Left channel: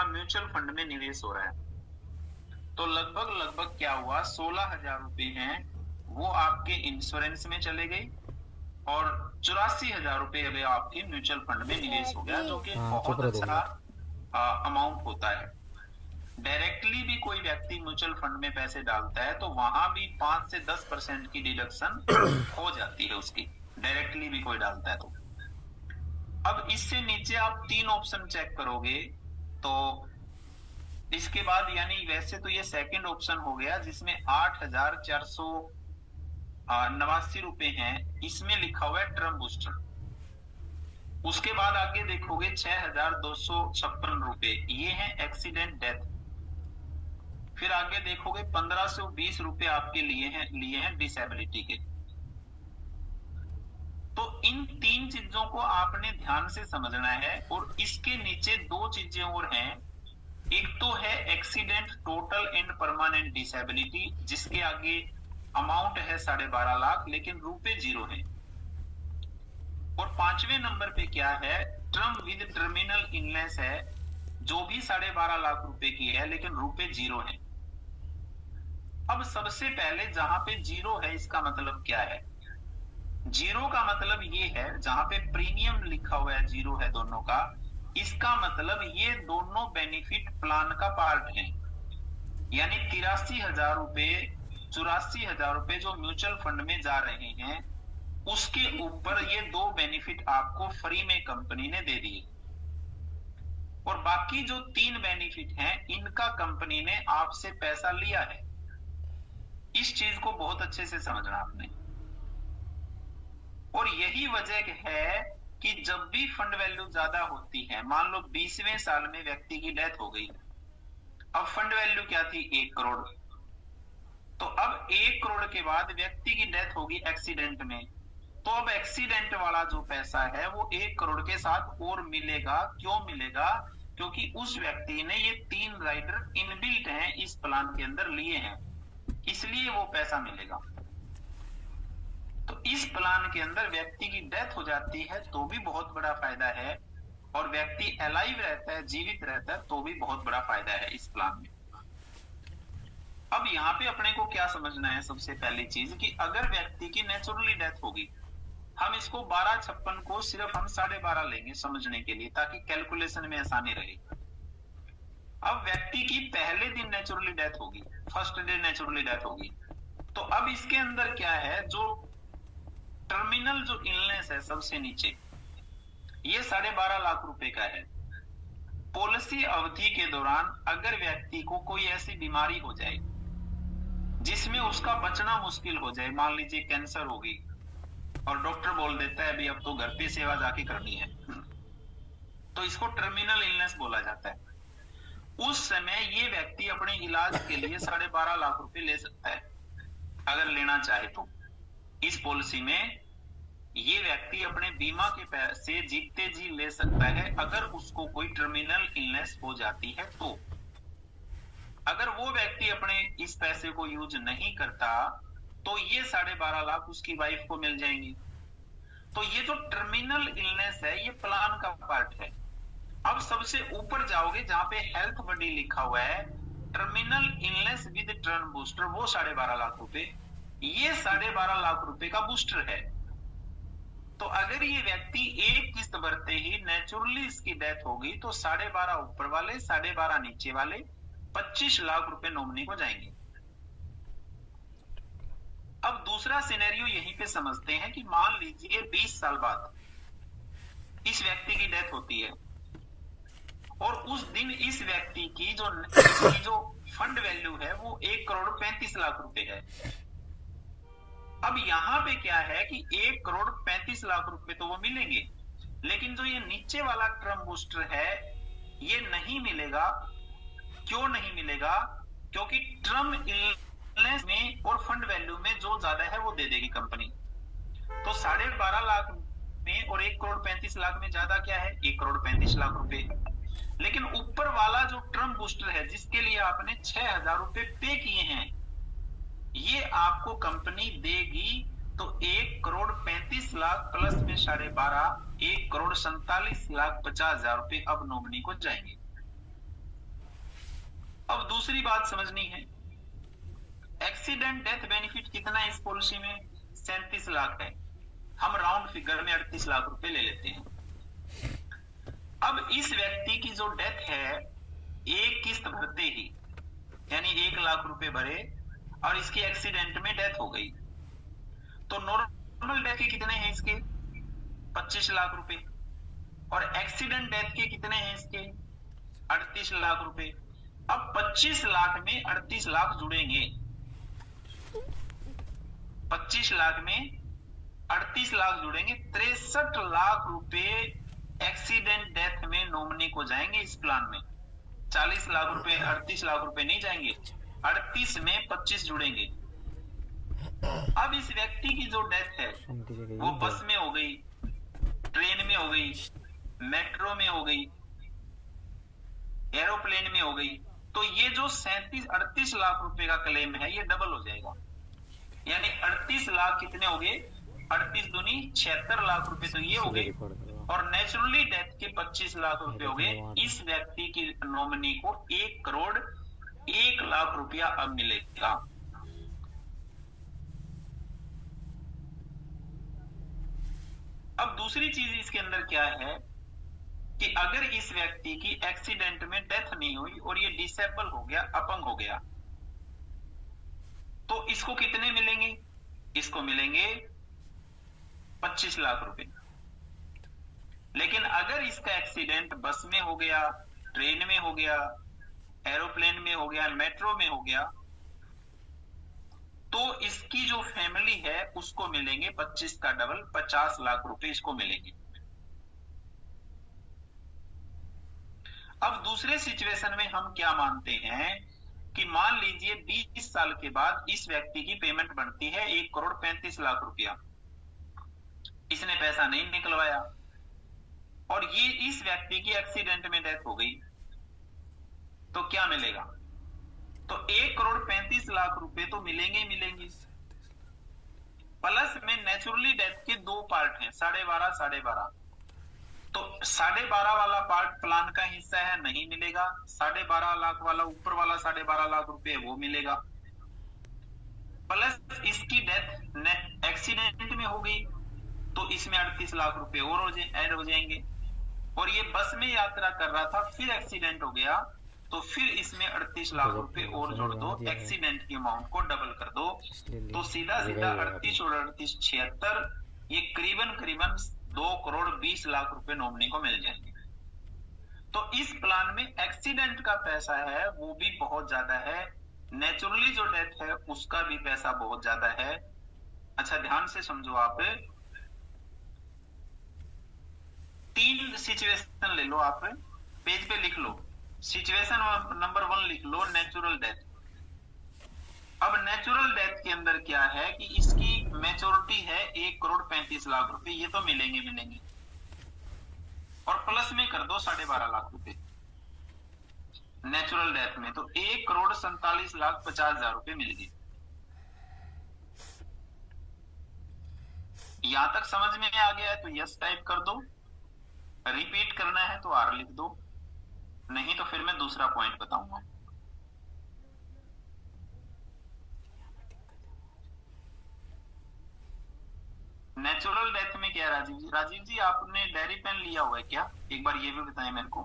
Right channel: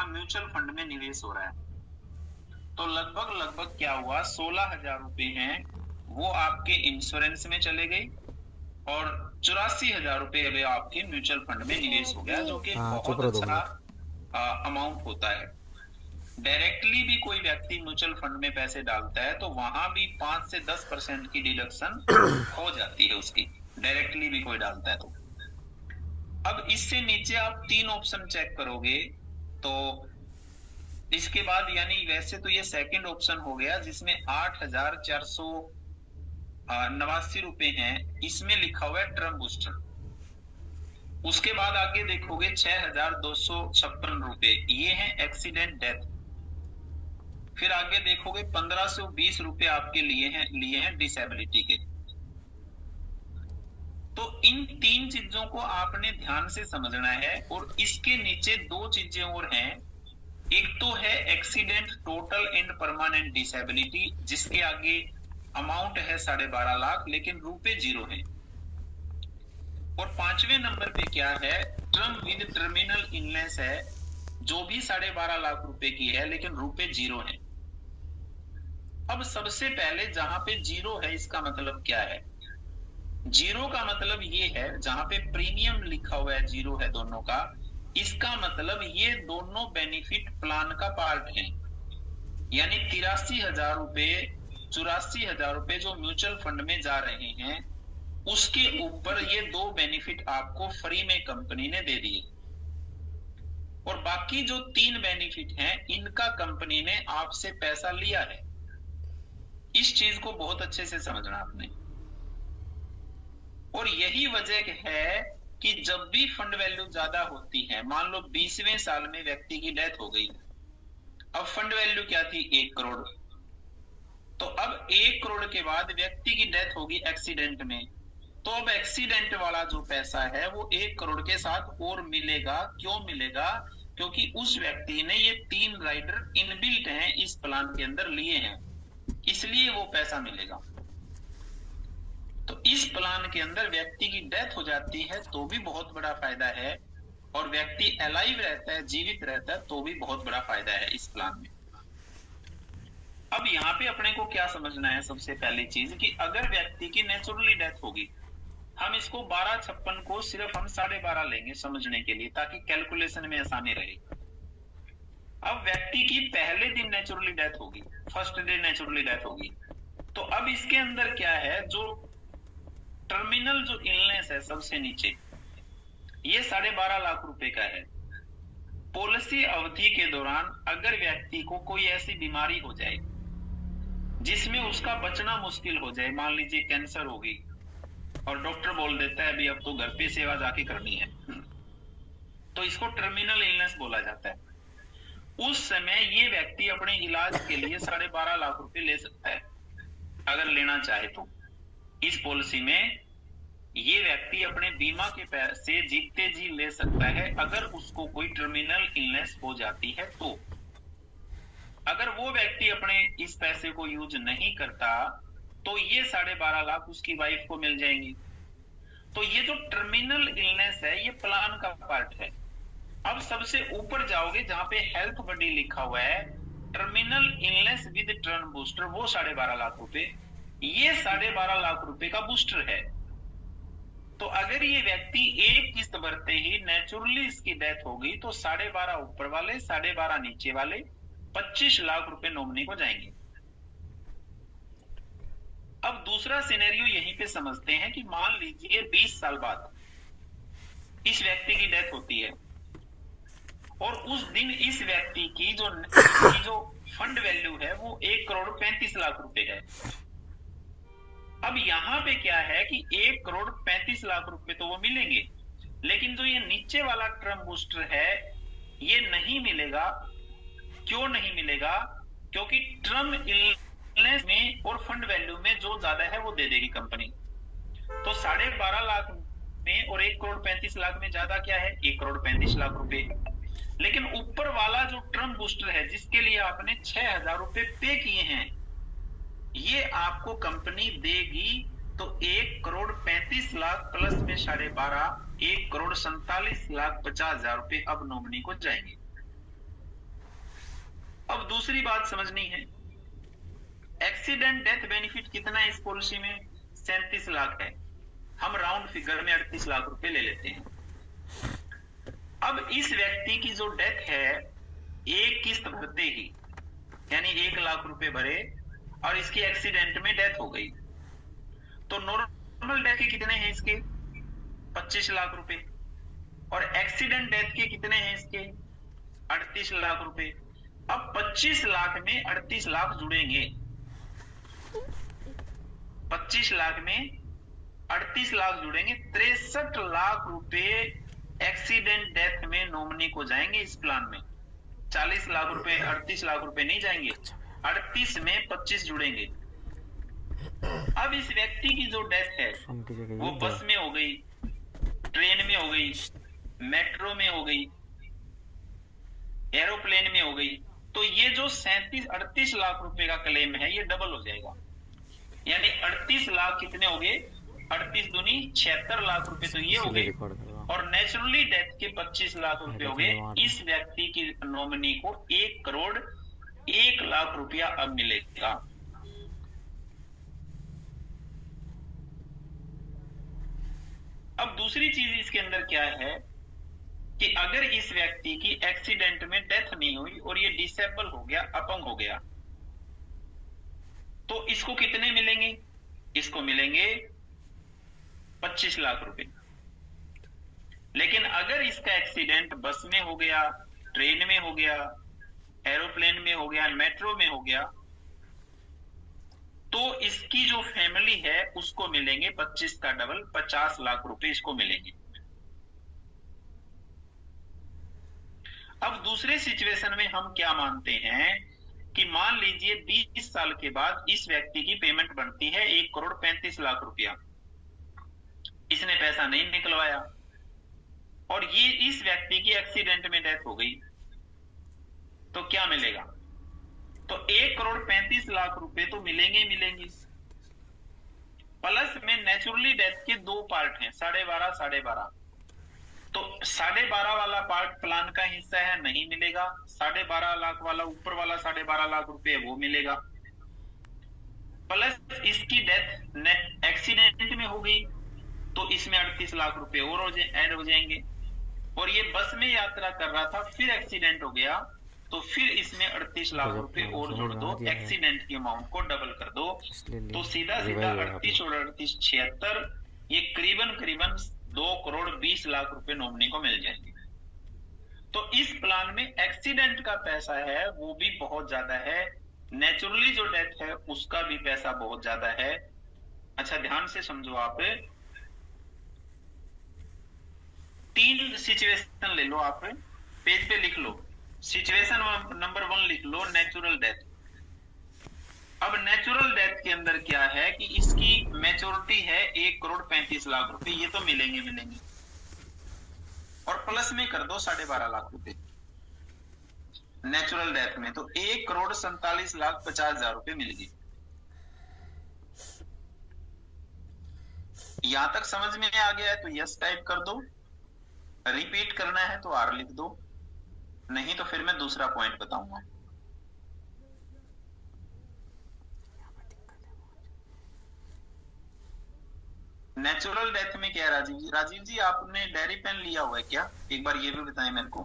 आपका mutual fund में निवेश हो रहा है। तो लगभग क्या हुआ, 16,000 रुपए हैं वो आपके इंश्योरेंस में चले गए और 84,000 रुपए अभी आपके म्यूचुअल फंड में निवेश हो गया, जो कि बहुत अच्छा अमाउंट होता है। डायरेक्टली भी कोई व्यक्ति म्यूचुअल फंड में पैसे डालता है तो वहां भी 5 से 10% की डिडक्शन हो जाती है उसकी, डायरेक्टली भी कोई डालता है तो। अब इससे नीचे आप 3 ऑप्शन चेक करोगे तो इसके बाद, यानी वैसे तो ये सेकंड ऑप्शन हो गया जिसमें 8,489 रुपए हैं, इसमें लिखा हुआ है टर्म बूस्टर। उसके बाद आगे देखोगे 6,256 रुपए, ये है एक्सीडेंट डेथ। फिर आगे देखोगे 1,520 रुपए आपके लिए हैं डिसेबिलिटी के। तो इन 3 चीजों को आपने ध्यान से समझना है। और इसके नीचे 2 चीजें और हैं। एक तो है accident total and permanent disability, जिसके आगे अमाउंट है 12.5 लाख लेकिन रुपए 0 है। और 5वें नंबर पे क्या है, टर्म विद टर्मिनल इलनेस है, जो भी 12.5 लाख रुपए की है लेकिन रुपए 0 है। अब सबसे पहले जहां पे 0 है, इसका मतलब क्या है? 0 का मतलब ये है, जहां पे प्रीमियम लिखा हुआ है 0 है दोनों का, इसका मतलब ये दोनों बेनिफिट प्लान का पार्ट है। यानी 83,000 रुपए 84,000 रुपए जो म्यूचुअल फंड में जा रहे हैं, उसके ऊपर ये 2 बेनिफिट आपको फ्री में कंपनी ने दे दिए। और बाकी जो 3 बेनिफिट हैं, इनका कंपनी ने आपसे पैसा लिया है। इस चीज को बहुत अच्छे से समझना आपने। और यही वजह है कि जब भी फंड वैल्यू ज्यादा होती है, मान लो 20वें साल में व्यक्ति की डेथ हो गई, अब फंड वैल्यू क्या थी, 1 करोड़। तो अब 1 करोड़ के बाद व्यक्ति की डेथ होगी एक्सीडेंट में, तो अब एक्सीडेंट वाला जो पैसा है वो 1 करोड़ के साथ और मिलेगा। क्यों मिलेगा? क्योंकि उस व्यक्ति ने ये 3 राइडर इनबिल्ट हैं इस प्लान के अंदर लिए हैं, इसलिए वो पैसा मिलेगा। तो इस प्लान के अंदर व्यक्ति की डेथ हो जाती है तो भी बहुत बड़ा फायदा है, और व्यक्ति अलाइव रहता है, जीवित रहता है, तो भी बहुत बड़ा फायदा है इस प्लान में। अब यहाँ पे अपने को क्या समझना है, सबसे पहली चीज कि अगर व्यक्ति की नेचुरली डेथ होगी, हम इसको 1256 को सिर्फ हम 12.5 लेंगे समझने के लिए, ताकि कैलकुलेशन में आसानी रहे। अब व्यक्ति की पहले दिन नेचुरली डेथ होगी, फर्स्ट डे नेचुरली डेथ होगी, तो अब इसके अंदर क्या है, जो टर्मिनल जो इलनेस है सबसे नीचे, ये 12.5 लाख रुपए का है। पॉलिसी अवधि के दौरान अगर व्यक्ति को कोई ऐसी बीमारी हो जाए जिसमें उसका बचना मुश्किल हो जाए, मान लीजिए कैंसर होगी और डॉक्टर बोल देता है अभी अब तो घर पे सेवा जाके करनी है, तो इसको टर्मिनल इलनेस बोला जाता है। उस समय ये व्यक्ति अपने इलाज के लिए 12.5 लाख रुपए ले सकता है अगर लेना चाहे तो। इस पॉलिसी में ये व्यक्ति अपने बीमा के पैसे जीते जी ले सकता है अगर उसको कोई टर्मिनल इलनेस हो जाती है तो। अगर वो व्यक्ति अपने इस पैसे को यूज नहीं करता तो ये 12.5 लाख उसकी वाइफ को मिल जाएंगे। तो ये जो टर्मिनल इलनेस है ये प्लान का पार्ट है। अब सबसे ऊपर जाओगे जहां पे हेल्थ बॉडी लिखा हुआ है, terminal illness with term booster, वो 12.5 लाख रुपए, ये 12.5 लाख रुपए का बूस्टर है। तो अगर ये व्यक्ति एक किस्त भरते ही नेचुरली इसकी डेथ होगी तो 12.5 ऊपर वाले, 12.5 नीचे वाले, 25 लाख रुपए नॉमिनी को जाएंगे। अब दूसरा सिनेरियो यहीं पे समझते हैं कि मान लीजिए 20 साल बाद इस व्यक्ति की डेथ होती है और उस दिन इस व्यक्ति की जो फंड वैल्यू है वो 1 करोड़ 35 लाख रुपए है। अब यहां पे क्या है कि 1 करोड़ 35 लाख रुपए तो वो मिलेंगे, लेकिन जो ये नीचे वाला टर्म बूस्टर है ये नहीं मिलेगा। क्यों नहीं मिलेगा? क्योंकि टर्म इलनेस में और फंड वैल्यू में जो ज्यादा है वो दे देगी कंपनी। तो 12.5 लाख में और 1 करोड़ 35 लाख में ज्यादा क्या है, 1 करोड़ 35 लाख रुपए। लेकिन ऊपर वाला जो टर्म बूस्टर है जिसके लिए आपने 6,000 रुपए पे किए हैं, ये आपको कंपनी देगी। तो 1 करोड़ 35 लाख प्लस में 12.5, 1 करोड़ 47 लाख 50 हजार रुपए अब नॉमिनी को जाएंगे। दूसरी बात समझनी है, एक्सीडेंट डेथ बेनिफिट कितना है इस पॉलिसी में? 37 लाख है। हम राउंड फिगर में 38 लाख रुपए ले लेते हैं। अब इस व्यक्ति की जो डेथ है, एक किस्त भरते ही यानी 1 लाख रुपए भरे और इसकी एक्सीडेंट में डेथ हो गई, तो नॉर्मल डेथ के कितने हैं इसके? 25 लाख रुपए। और एक्सीडेंट डेथ के कितने हैं इसके? 38 लाख रुपए। अब 25 लाख में 38 लाख जुड़ेंगे, 25 लाख में 38 लाख जुड़ेंगे, 63 लाख रुपए एक्सीडेंट डेथ में नॉमिनी को जाएंगे इस प्लान में। 40 लाख रुपए 38 लाख रुपए नहीं जाएंगे, 38 में 25 जुड़ेंगे। अब इस व्यक्ति की जो डेथ है वो बस में हो गई, ट्रेन में हो गई, मेट्रो में हो गई, एरोप्लेन में हो गई, तो ये जो 38 लाख रुपए का क्लेम है ये डबल हो जाएगा। यानी 38 लाख कितने हो गए? 38 दूनी 76 लाख रुपए तो ये हो गए, और नेचुरली डेथ के 25 लाख रुपए हो गए। इस व्यक्ति की नॉमिनी को 1 करोड़ 1 लाख रुपया अब मिलेगा। अब दूसरी चीज इसके अंदर क्या है कि अगर इस व्यक्ति की एक्सीडेंट में डेथ नहीं हुई और ये डिसेबल हो गया, अपंग हो गया, तो इसको कितने मिलेंगे? इसको मिलेंगे 25 लाख रुपए। लेकिन अगर इसका एक्सीडेंट बस में हो गया, ट्रेन में हो गया, एरोप्लेन में हो गया, मेट्रो में हो गया, तो इसकी जो फैमिली है उसको मिलेंगे 25 का डबल 50 लाख रुपए इसको मिलेंगे। अब दूसरे सिचुएशन में हम क्या मानते हैं कि मान लीजिए 20 साल के बाद इस व्यक्ति की पेमेंट बनती है 1 करोड़ 35 लाख रुपया, इसने पैसा नहीं निकलवाया और ये इस व्यक्ति की एक्सीडेंट में डेथ हो गई, तो क्या मिलेगा? तो 1 करोड़ 35 लाख रुपए तो मिलेंगे मिलेंगे, प्लस में नेचुरली डेथ के 2 पार्ट हैं, 12.5 12.5, तो 12.5 वाला पार्ट प्लान का हिस्सा है, नहीं मिलेगा। 12.5 लाख वाला ऊपर वाला 12.5 लाख रुपए वो मिलेगा, प्लस इसकी डेथ एक्सीडेंट में हो गई तो इसमें 38 लाख रुपए और ऐड हो जाएंगे। और ये बस में यात्रा कर रहा था, फिर एक्सीडेंट हो गया, तो फिर इसमें 38 लाख रुपए और जोड़ दो, एक्सीडेंट की अमाउंट को डबल कर दो, तो सीधा सीधा 38 और 38 76, ये करीबन 2 करोड़ 20 लाख रुपए नॉमिनी को मिल जाएंगे। तो इस प्लान में एक्सीडेंट का पैसा है वो भी बहुत ज्यादा है, नेचुरली जो डेथ है उसका भी पैसा बहुत ज्यादा है। अच्छा ध्यान से समझो, आप 3 सिचुएशन ले लो, आप पेज पे लिख लो। सिचुएशन नंबर 1 लिख लो, नेचुरल डेथ। अब नेचुरल डेथ के अंदर क्या है कि इसकी मैच्योरिटी है 1 करोड़ 35 लाख रुपए, ये तो मिलेंगे मिलेंगे, और प्लस में कर दो 12.5 लाख रुपए नेचुरल डेथ में, तो 1 करोड़ 47 लाख 50 हजार रुपए मिल गए। यहां तक समझ में आ गया है तो यस टाइप कर दो, रिपीट करना है तो आर लिख दो, नहीं तो फिर मैं दूसरा पॉइंट बताऊंगा। नेचुरल डेथ में क्या है राजीव जी? राजीव जी आपने डायरी पेन लिया हुआ है क्या? एक बार ये भी बताएं मेरे को।